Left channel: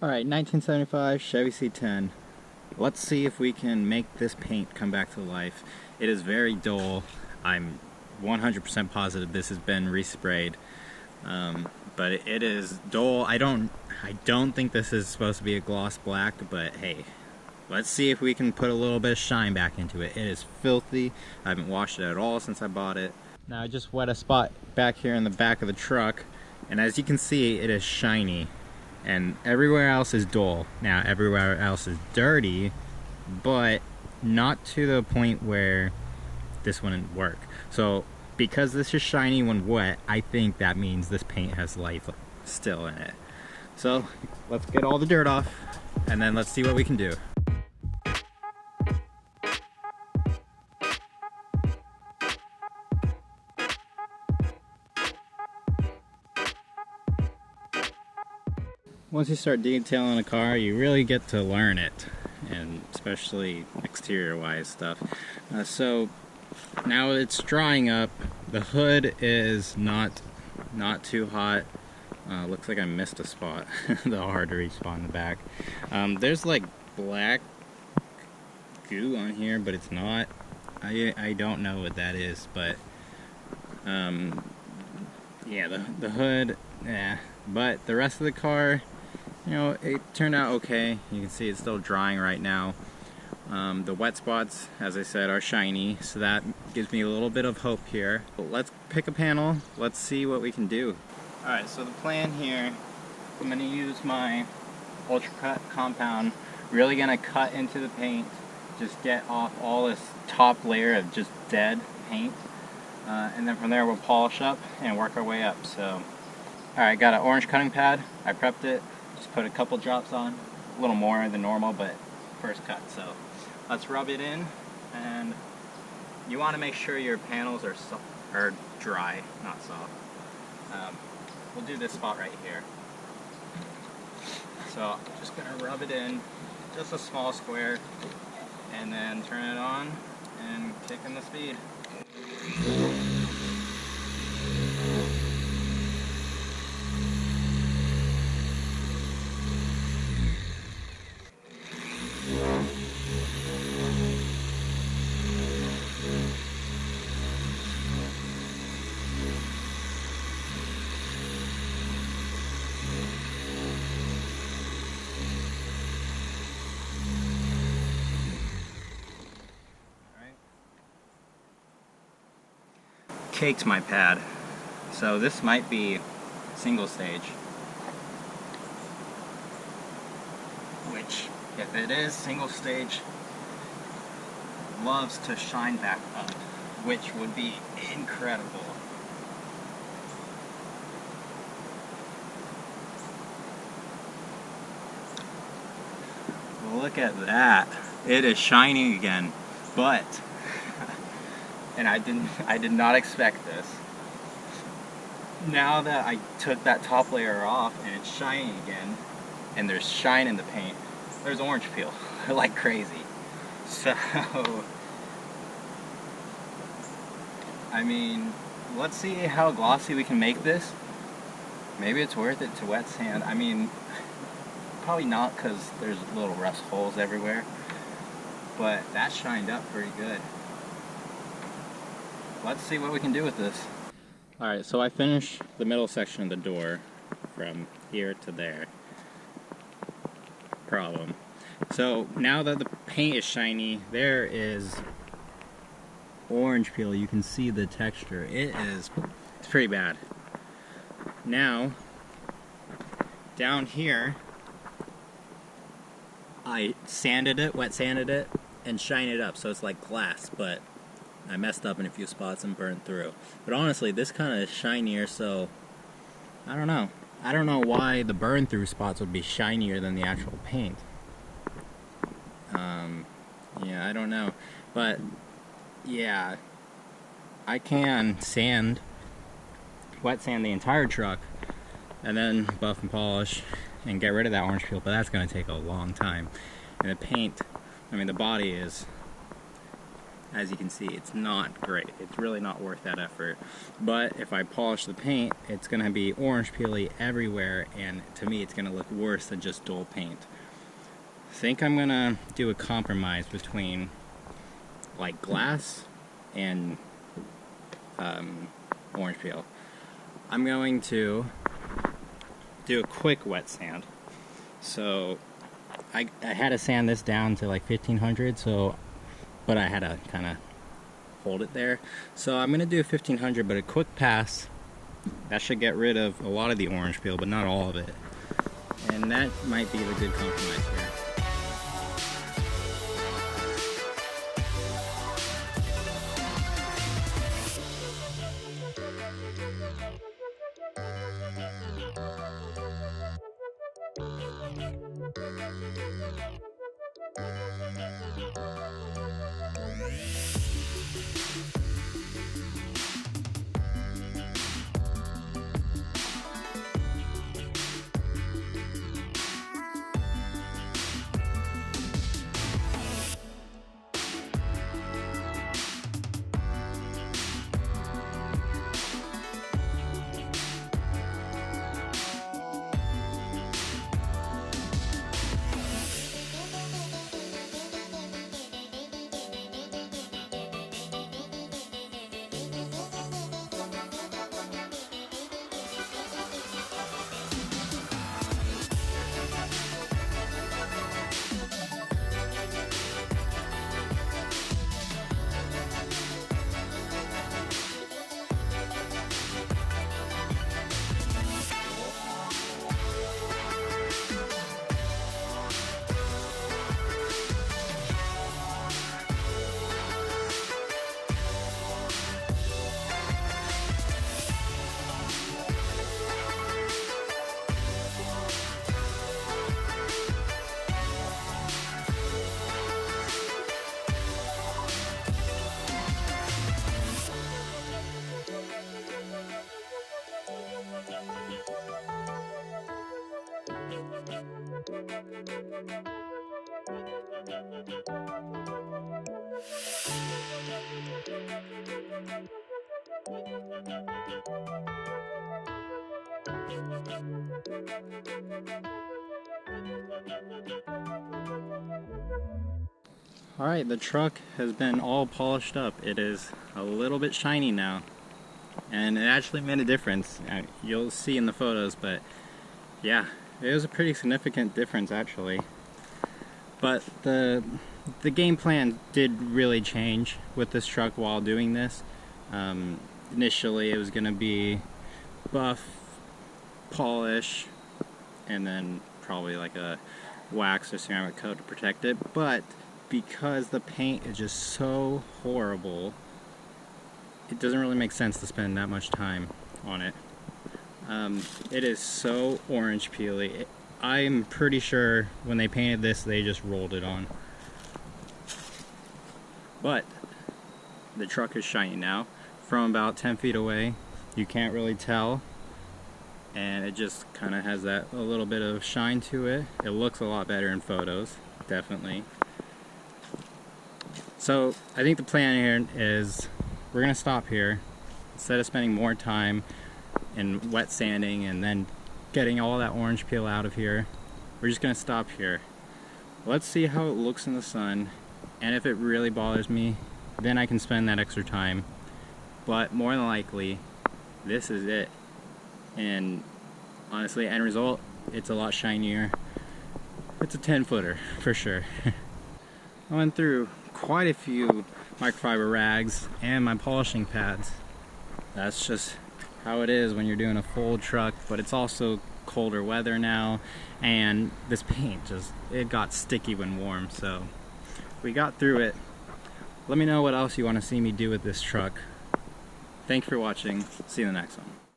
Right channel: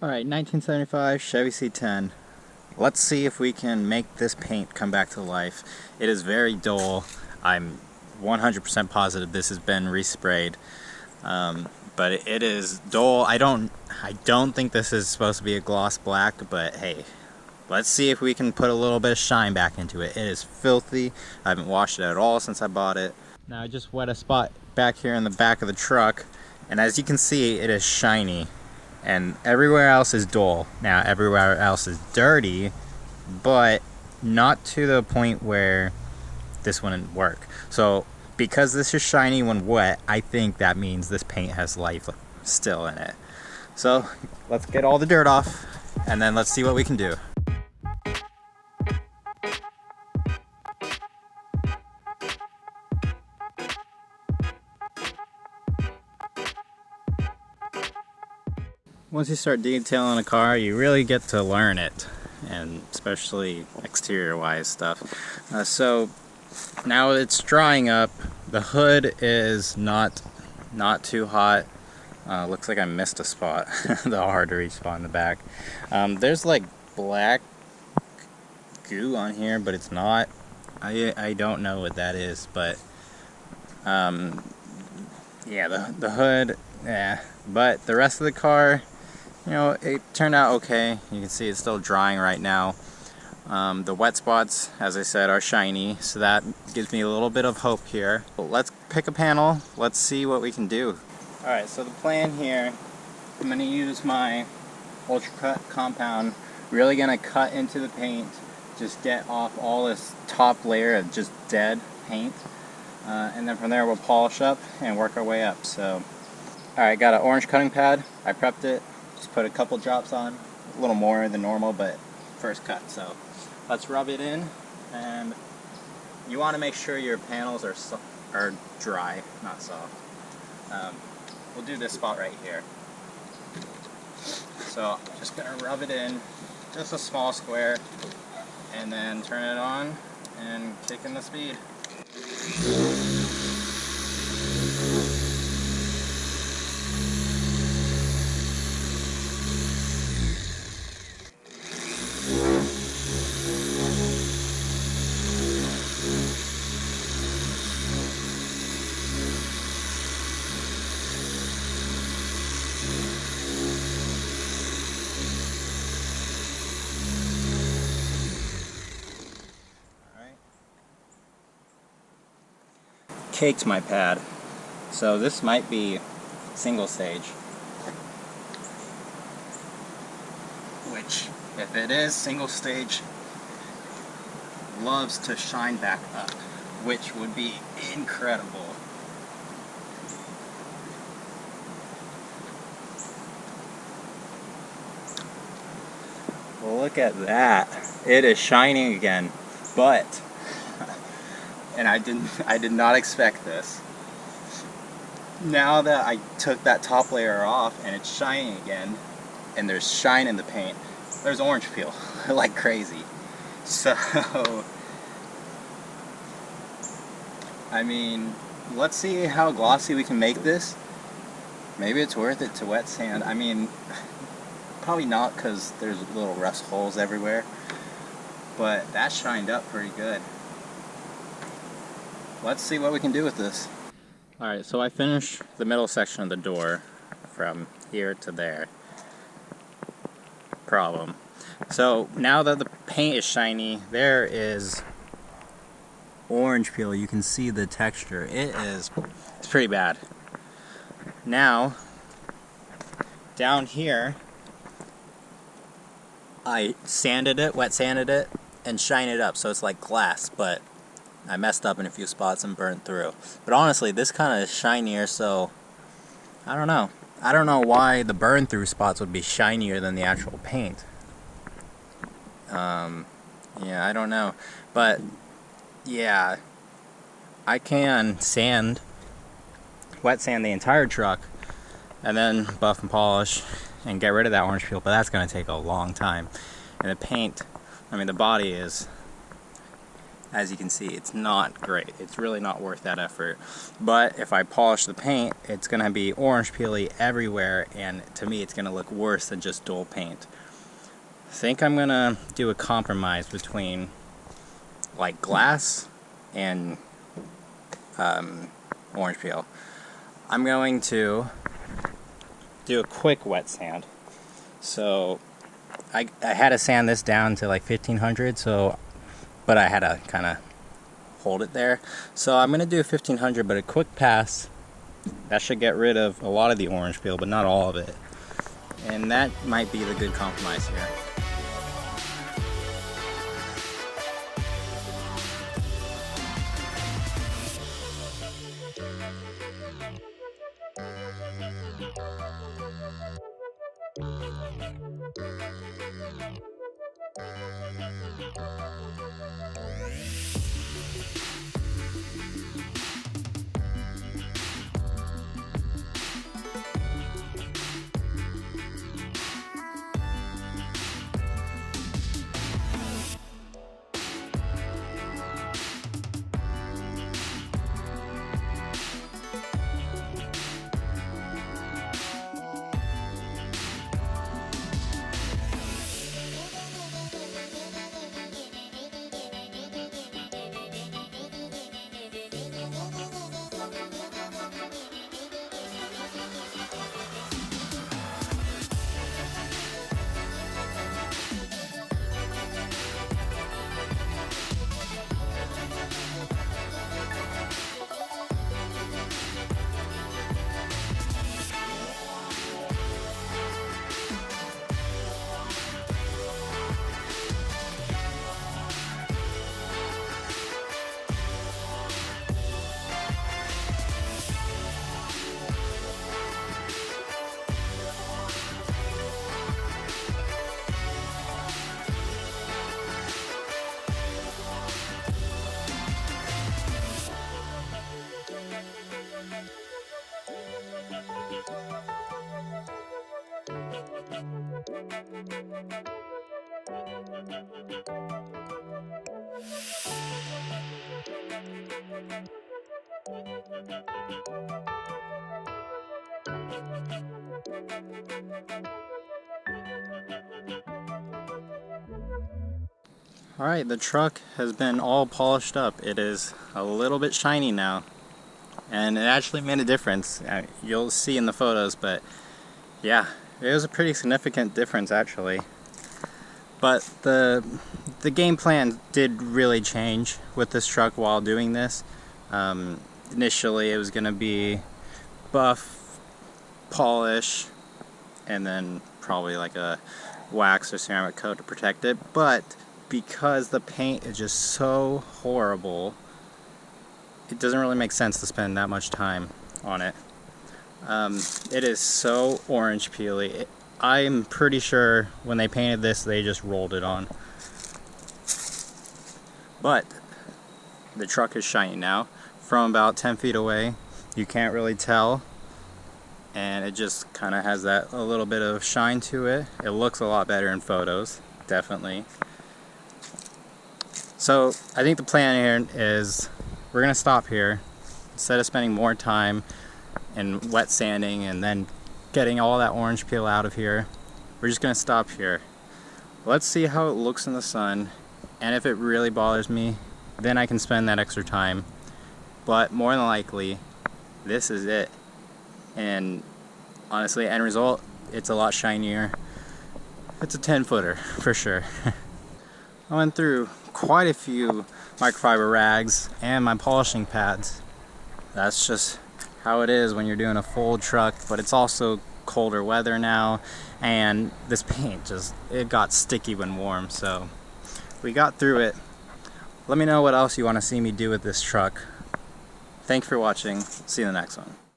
Alright, 1975 Chevy C10. Let's see if we can make this paint come back to life. It is very dull. I'm 100% positive this has been resprayed. But it is dull. I don't think this is supposed to be a gloss black, but hey, let's see if we can put a little bit of shine back into it. It is filthy. I haven't washed it at all since I bought it. Now I just wet a spot back here in the back of the truck, and as you can see, it is shiny. And everywhere else is dull. Now everywhere else is dirty, but not to the point where this wouldn't work. So because this is shiny when wet, I think that means this paint has life still in it. So let's get all the dirt off and then let's see what we can do. Once you start detailing a car, you really get to learn it, and especially exterior wise stuff. So now it's drying up. The hood is not too hot. Looks like I missed a spot, the hard to reach spot in the back. There's like black goo on here, but it's not. I don't know what that is, but yeah, the hood, yeah. But the rest of the car, you know, it turned out okay. You can see it's still drying right now. The wet spots, as I said, are shiny, so that gives me a little bit of hope here. But let's pick a panel. Let's see what we can do. Alright, so the plan here, I'm going to use my Ultra Cut compound, really going to cut into the paint, just get off all this top layer of just dead paint, and then from there we'll polish up and work our way up. So, alright, got an orange cutting pad. I prepped it. Just put a couple drops on, a little more than normal, but first cut. So let's rub it in, and you want to make sure your panels are dry, not soft. We'll do this spot right here. So just gonna rub it in, just a small square, and then turn it on and kick in the speed. Caked my pad, so this might be single stage, which if it is single stage, loves to shine back up, which would be incredible. Look at that, it is shining again, but and I did not expect this. Now that I took that top layer off and it's shining again, and there's shine in the paint, there's orange peel like crazy. So, I mean, let's see how glossy we can make this. Maybe it's worth it to wet sand. I mean, probably not, because there's little rust holes everywhere, but that shined up pretty good. Let's see what we can do with this. Alright, so I finished the middle section of the door from here to there. Problem. So now that the paint is shiny, there is orange peel. You can see the texture. It's pretty bad. Now, down here, I sanded it, wet sanded it, and shined it up so it's like glass, but I messed up in a few spots and burned through. But honestly, this kind of is shinier, so I don't know. I don't know why the burn through spots would be shinier than the actual paint. Yeah, I don't know. But yeah, I can wet sand the entire truck, and then buff and polish and get rid of that orange peel, but that's going to take a long time. And the paint, I mean, the body is as you can see, it's not great. It's really not worth that effort. But if I polish the paint, it's going to be orange peely everywhere, and to me it's going to look worse than just dull paint. I think I'm going to do a compromise between like glass and orange peel. I'm going to do a quick wet sand. So I had to sand this down to like 1500, but I had to kind of hold it there. So I'm going to do 1500, but a quick pass. That should get rid of a lot of the orange peel, but not all of it. And that might be the good compromise here. Alright, the truck has been all polished up. It is a little bit shiny now, and it actually made a difference. You'll see in the photos, but yeah, it was a pretty significant difference actually. But the game plan did really change with this truck while doing this. Initially it was going to be buff, polish, and then probably like a wax or ceramic coat to protect it, but because the paint is just so horrible, it doesn't really make sense to spend that much time on it. It is so orange peely. I'm pretty sure when they painted this, they just rolled it on. But the truck is shiny now. From about 10 feet away, you can't really tell, and it just kind of has that a little bit of shine to it. It looks a lot better in photos, definitely. So I think the plan here is we're going to stop here. Instead of spending more time in wet sanding and then getting all that orange peel out of here, we're just going to stop here. Let's see how it looks in the sun, and if it really bothers me, then I can spend that extra time. But more than likely, this is it. And honestly, end result, it's a lot shinier. It's a 10-footer for sure. I went through quite a few microfiber rags and my polishing pads. That's just how it is when you're doing a full truck, but it's also colder weather now, and this paint it got sticky when warm, so we got through it. Let me know what else you want to see me do with this truck. Thanks for watching. See you in the next one.